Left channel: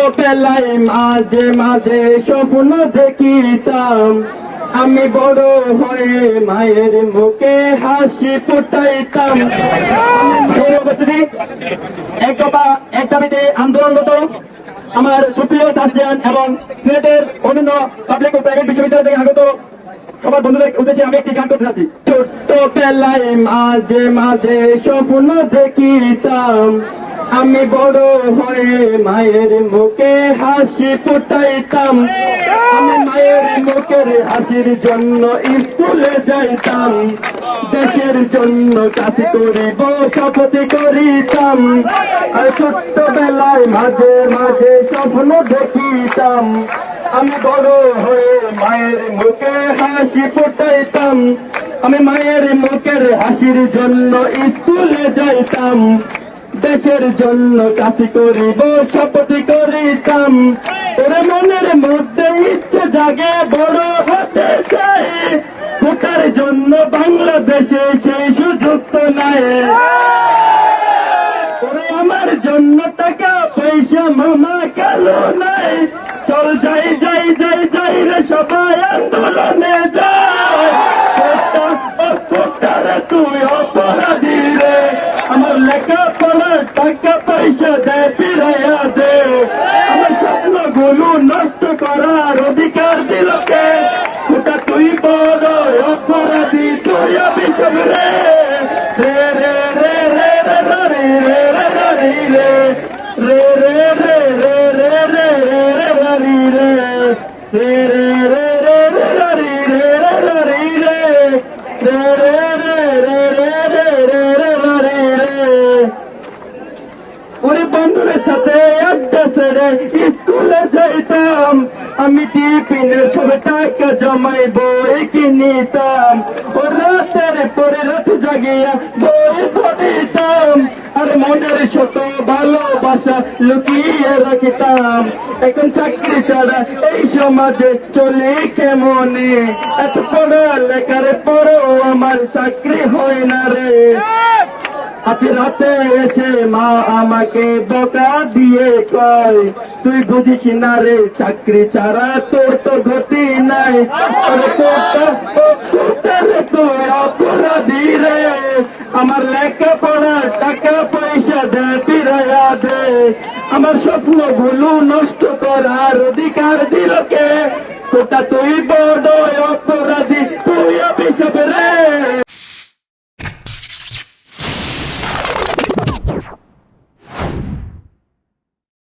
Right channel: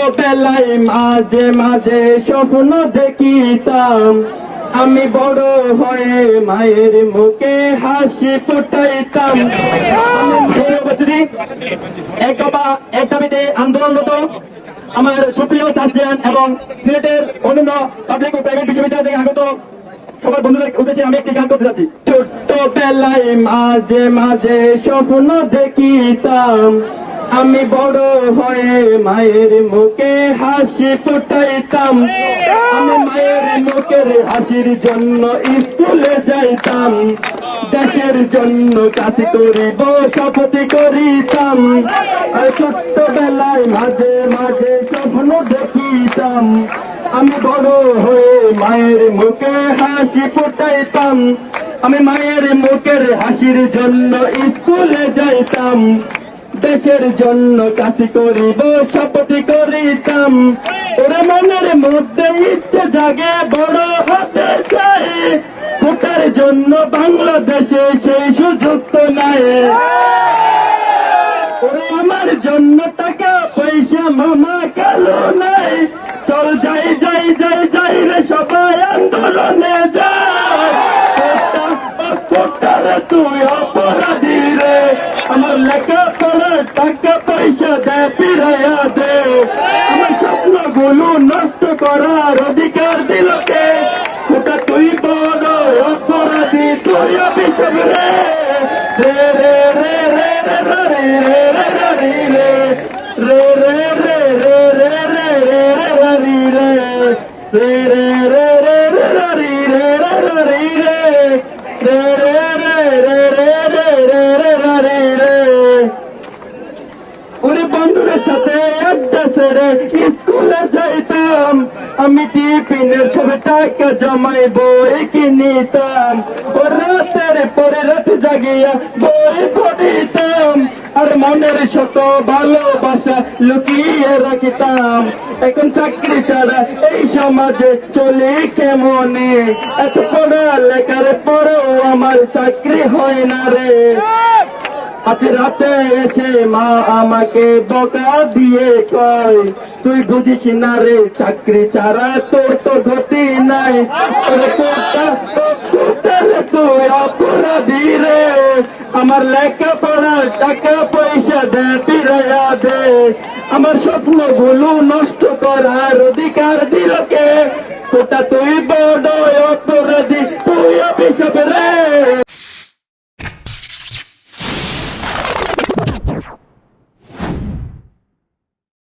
ছোটবেলায় মাঝে মাঝে স্বপ্ন দেখিতাম, আমি বড় হয়ে মায়ের মুখে হাসি ফুটাইতাম। এক দাবিতে আন্দোলনরত আমার সুপ্রিয় চাষিয়ান এবং সিলেটের অন্যান্য পাবলিক ও প্রাইভেট বিশ্ববিদ্যালয় থেকে আগত সবার বন্ধুদের উদ্দেশ্যে আমি একটি গান করতে যাচ্ছি। ছোট্টবেলায় মাঝে মাঝে স্বপ্ন দেখিতাম, আমি বড় হয়ে মায়ের মুখে হাসি ফুটাইতাম। আমি মায়ের মুখের হাসির জন্য স্কুলে যাইতাম, দেশের জন্য কাজ করিব শপথ করিতাম। ছোট্টবেলায় মাঝে মাঝে স্বপ্ন দেখিতাম, আমি বড় হয়ে মায়ের মুখে হাসি ফুটাইতাম। আমি মায়ের মুখের হাসির জন্য স্কুলে যাইতাম, দেশের জন্য কাজ করিব শপথ করিতাম। ওরে মনের মধ্যে ইচ্ছে জাগে বড় হতে চাই, ভোটার জন্য বাংলাদেশে সেই সুযোগ তো নাই। ওরে আমার জন্য টাকা পয়সা মামা কালো নাই, চল যাই যাই যাই যাই রে সবাই আন্দোলনে যাই। তুই অপরাধী রে, আমার লেখাপড়ার টাকা পয়সা দে ফিরাইয়া দে, আমার স্বপ্নগুলো নষ্ট করার অধিকার দিল কে? ওটা তুই বড় অপরাধী, তুই অভিশাপ রে রে রে রে রে রে রে রে রে রে রে রে রে রে রে রানি রে রে রে রে রে রে রানি রে রে রানি রে রে রে রে রে রে রে রানি রে। ওরে বন্ধুদের সাথে আড্ডা ছেড়ে স্কুলে যাইতাম, আমি টিফিনের সব টাকা জমাই বই কিনিতাম। ও রাতের পরে রাত জাগিয়া বই পড়িতাম, আর মনের শত ভালোবাসা লুকিয়ে রাখিতাম। এখন চাকরি ছাড়া এই সমাজে চলি কেমনে, এত পড়ালেখার পরও আমার চাকরি হয় না রে। আজ রাতে এসে মা আমাকে বকা দিয়ে কয়, তুই বুঝিস না রে চাকরি ছাড়া তোর তো গতি নাই। তুই অপরাধী রে, আমার লেখাপড়ার টাকা পয়সা দে ফিরাইয়া দে, আমার স্বপ্নগুলো নষ্ট করার অধিকার দিল কে? কোটা তুই বড় অপরাধী, তুই অভিশাপ রে।